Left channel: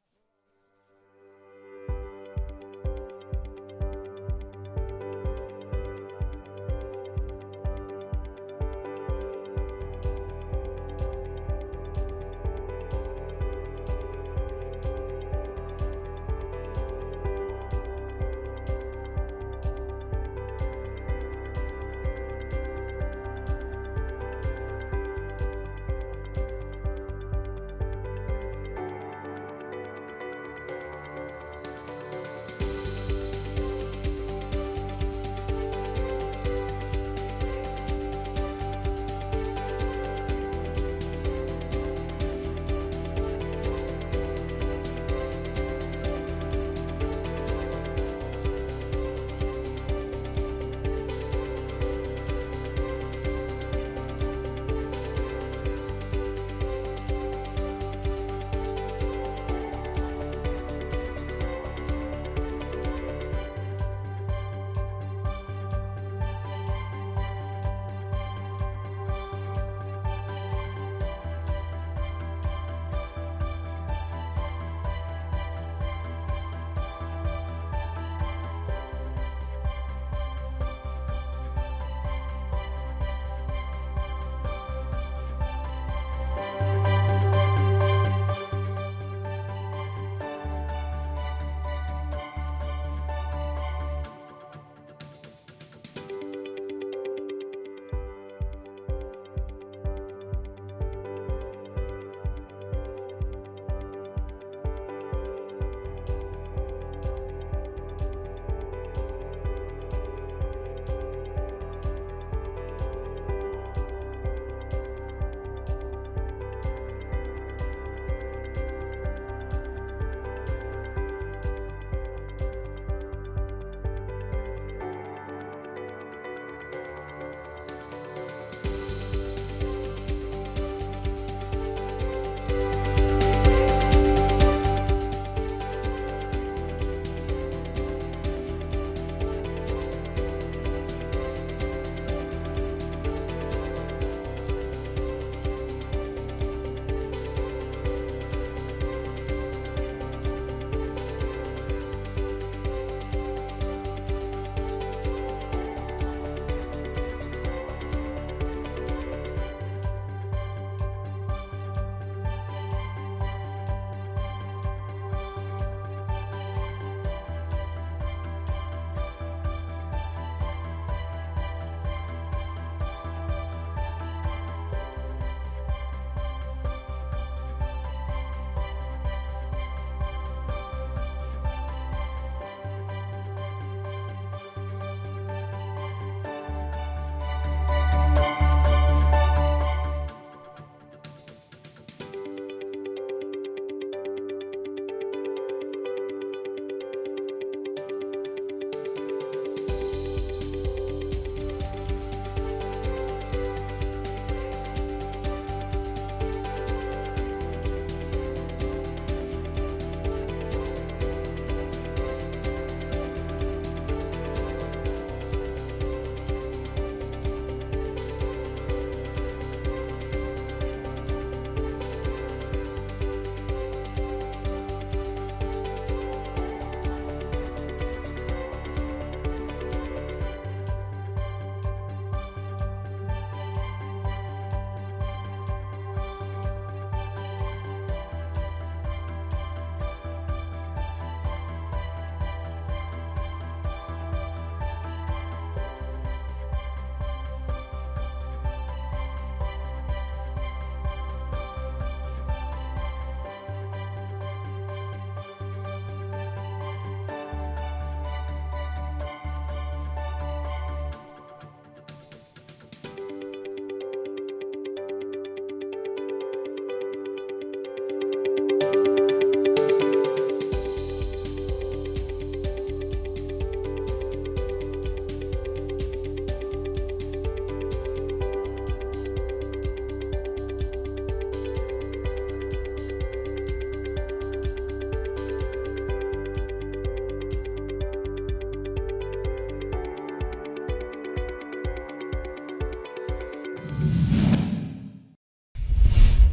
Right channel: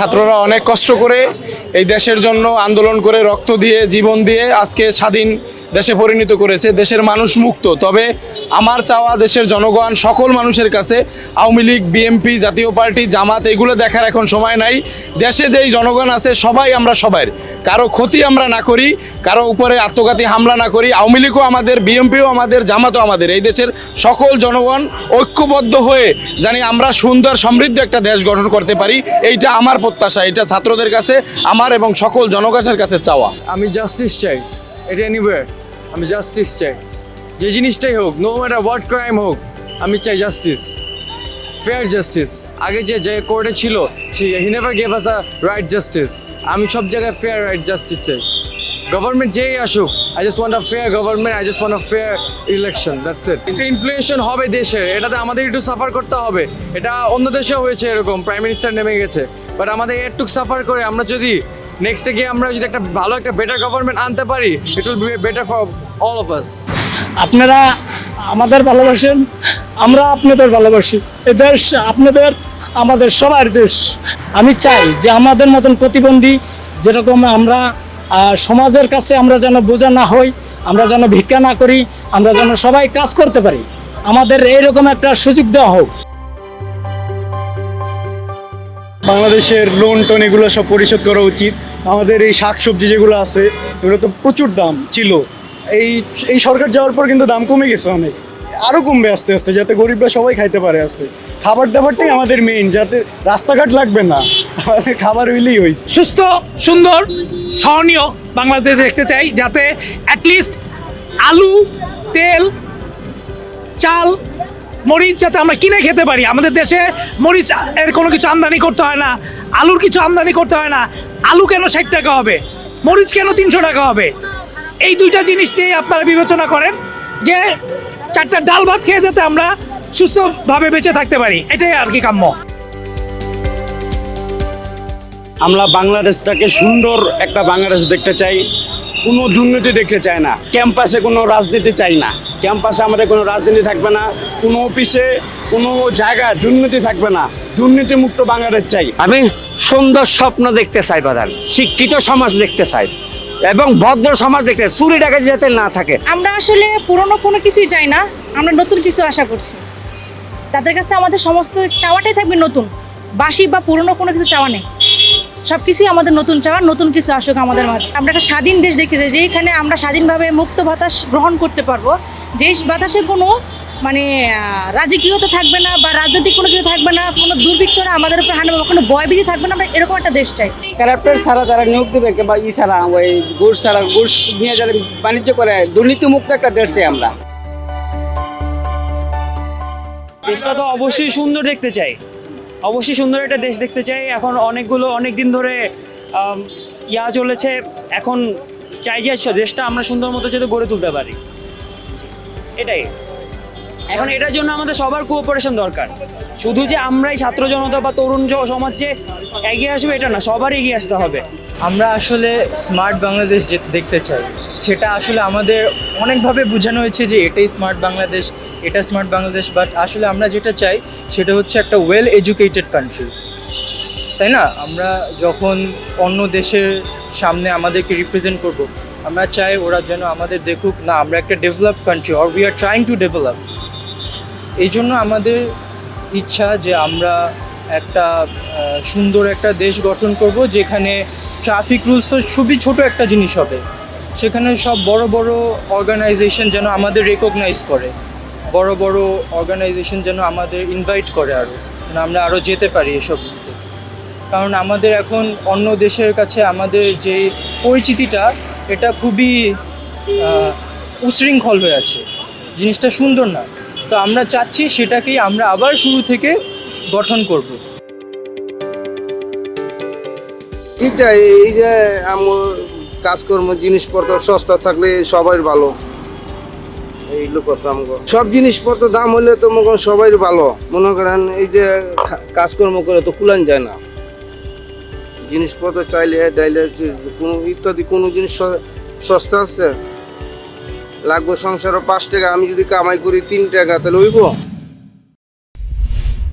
ছাত্ররা অনেক কষ্ট করে এই দেশের জন্য আন্দোলন করে রক্ত দিয়ে জীবন দিয়ে আজকে স্বাধীন দেশে পরিণত করেছে। দেশের মানুষ মুক্ত। তবে আমার চাওয়া দেশের জনগণ সকল মানুষের কাছে আওয়ামী লীগ, বিএনপি, জাতীয় পার্টি, জামাত এগুলো দেখার এখন সময় নাই। দেশে যেই জনগণ আছে সবাই আমরা সবার, কারো ক্ষতি আমরা না করি, কারো উপরে আত্মঘাতী হামলা না করি। আওয়ামী লীগও আমাদের, বিএনপিও আমাদের, জামাতও আমাদের। এই দেশের সকল জনগণ ঐক্যবদ্ধ হয়ে জানি আমরা সুন্দর সমৃদ্ধ একটা দেশ গঠন করতে পারি। এইটা আমার প্রত্যাশা, এটা ছাত্রদের কাছে আমার এবং সকল জনগণের কাছে চাওয়া। আমি জাস্টিস চাই, এটা এনিওয়্যার আমি জাস্টিস চাই, যে জিনিসটাই হোক, নো ম্যাটার হোয়াট ক্রাইম হোক, আমি চাই জাস্টিস, ফেয়ার জাস্টিস। আগে যে কোর্টে ছিল he never gave us a right justice. আমি সব জায়গায় ফেয়ার রাইট জাস্টিস চাই। গভর্নমেন্ট যেই আসুক, I just want a fair government, I just want a fair election, that's it. একটা ইনফ্লুয়েশন হবে দেশের, এটাতে আমাদের একটু সাফার করতে হবে। এটা অন্য দেশেও হয়েছে এরকম, প্রাইম মিনিস্টার নেমে গেছে, বাট আমাদের একটু সাফার করে আমরা যদি নেক্সটে গিয়ে আমরা যদি একটা ভালো একটা বেটার গভর্নমেন্ট আনতে পারি, it will be better for all of us. আপনারা আমাদের ভালোবাসেন, আমরা আপনাদের ভালোবাসি। এ দেশ আপনাদের, আমাদের সবার দেশ। আমি চাই যে আমাদের মতন প্রতিবন্ধী যেরকম আমরা সমাজের কাছে আমরা যেন বোঝা না হই, আমরা যেন ভিক্ষা না করি, আমরা যেন সবাই কাজ করতে পারি। আমাদের এইরকম একটা সুযোগ দেওয়া হোক। বাংলাদেশের লোন টোন এগুলো সব পরিশোধ করা উচিত। আমাদের এই শাকসবজি যেগুলো আছে এগুলো তো প্রচুর দাম ছিল, এই সরকার যাওয়ার পর কিন্তু দাম কমে গেছে অনেক, আরও কমবে আস্তে আস্তে, যাতে গরিবরা সবাই খাইতে পারে। আস্তে খাবার দাবারটাই আমাদের মেইন, যাতে রাস্তাঘাট লাগবে না, আমাদের খাবার হইলেই হয়েছে। সুস্থ, সুন্দর, সহনীয় বাংলাদেশ দেখতে চাই, যাতে অ্যাটলিস্ট আলু, তেল, চাল, মরিচ যাতে আমরা কিনে খেতে পারি। আমাদের দেশে মরিচ এর কোনো কিছু আমদানি করতে হয় না, আলুর কিছু আমদানি করতে হয় না। আলু কেন 60 টাকা হবে, মরিচ কেন 300 টাকা হবে? এই দুইটা জিনিস নিয়ে আপনারা বিবেচনা করেন যে 4টা ডাল ভাত খেয়ে যাতে আমরা সুস্থভাবে বেঁচে থাকতে পারি, এটাই আর কি কাম্য। আমরা বাংলাদেশটাকে সুন্দর একটা বাংলাদেশ দেখতে চাই, কোনো দুর্নীতি দেখতে চাই না। ক্যাম্পাসে কোনো রাজনীতি চাই না, ক্যাম্পাসে আমাদের কোনো রাজনীতি থাকবে না, কোনো অফিসে কোনো জায়গায় দুর্নীতি থাকবে না, দুর্নীতিমুক্ত বাংলাদেশ চাই। আমি সুন্দর স্বপ্ন দেখতে চাই, বাজার শিক্ষিত সমাজ দেখতে চাই এবং ভদ্র সমাজ দেখতে, চুরি ডাকাতি যাতে না থাকে। আমরা আসলে পুরনো কোনো কিছুই চাই না, আমরা নতুন কিছু আশা করছি। তাদের কাছে আমাদের সমস্ত চাওয়াটাই থাকবে নতুন, বাসি বা পুরনো কোনো কিছু চাওয়া নেই। সব কিছুই আমাদের নতুন চাওয়া, নতুন কিছু আসুক আমাদের মাঝে। আমরা একটা স্বাধীন দেশ দেখতে চাই, যেখানে আমরা স্বাধীনভাবে মুক্ত বাতাস গ্রহণ করতে পারবো, যে বাতাসে কোনো মানে রাজকীয়তা থাকবে না বা রাজনৈতিক কোনো কিছু থাকবে না, কোনো দুর্বৃত্তরা আমাদের উপর হানা, কোনো ভয়ভীতি থাকবে না। আমরা এরকম একটা দেশ চাই। ক্যারেক্টার ছাড়া যারা নিয়োগ দেবে বা ছাড়া ওই ঘুষ ছাড়া, ঘুষ নিয়ে যারা বাণিজ্য করে, দুর্নীতিমুক্ত একটা দেশ চাই আমরা। দেশটা তো অবশ্যই সুন্দর দেখতে চাই, অবশ্যই সুন্দর একটা দেশ দেখতে চাই। এখন অনেক দিন ধরে চলেছে, এখন চাই যে দেশটা আমরা সুন্দর মতো যাতে গড়ে তুলতে পারি, এটাই। এখন এটার জন্য আমাদের সবার কোঅপারেশন দরকার। শুধু যে আমরাই ছাত্র জনতা বা তরুণ সমাজ যে এগিয়ে আসবে এটা না, সবার এগিয়ে আসতে হবে। আমরা আসলে স্মার্ট বাংলাদেশ দেখতে চাই, সেটা আসলে আমাদের অনেকভাবে বোঝানো হয়েছে যে এটাই স্মার্ট বাংলাদেশ, এটা স্মার্ট বাংলাদেশ, বাট আসলে আমরা যেটা চাই সেটা হচ্ছে একটা ওয়েল এডুকেটেড কান্ট্রি, তাই না? আমরা যখন অন্য দেশের সামনে আমাদেরকে রিপ্রেজেন্ট করব, আমরা চাই ওরা যেন আমাদের দেখুক না আমরা একটা developed country, or we are trying to develop. এই জন্য আমাদের ইচ্ছা যে আমরা একটা সুন্দর একটা দেশ গঠন করব, যেখানে ট্রাফিক রুলস তো খুবই ছোট একটা জিনিস হবে, সেখানে সব বড় বড় অর্গানাইজেশন যেন আমাদের রেকগনাইজ করে, বড় বড় অর্গানাইজেশন যেন আমাদের ইনভাইট করে, আরও যেন আমরা আরও যেতে পারি এসব। কারণ আমাদের এখন অন্য দেশের কাছে আমাদের যে পরিচিতিটা, এটা খুবই উশৃঙ্খল হয়ে আছে, জিনিসটা সুন্দর না। তো আমরা চাচ্ছি সেটাকেই আমরা আবার শুরু থেকে গঠন করব। কি চাই, এই যে কাজকর্ম জিনিসপত্র সস্তা থাকলে সবাই ভালো, এই লোক সব জিনিসপত্র দাম হলে তো মনে করেন সবাই ভালো। মনে করেন এই যে কাজকর্ম করে তো কুলান যায় না, জিনিসপত্র চাইলে ডাইলে কোনো ইত্যাদি কোনো জিনিস সস্তা আছে, লাগবে সংসারে 5 টাকা, আমি যদি কামাই করি 3 টাকা, তাহলে হইব?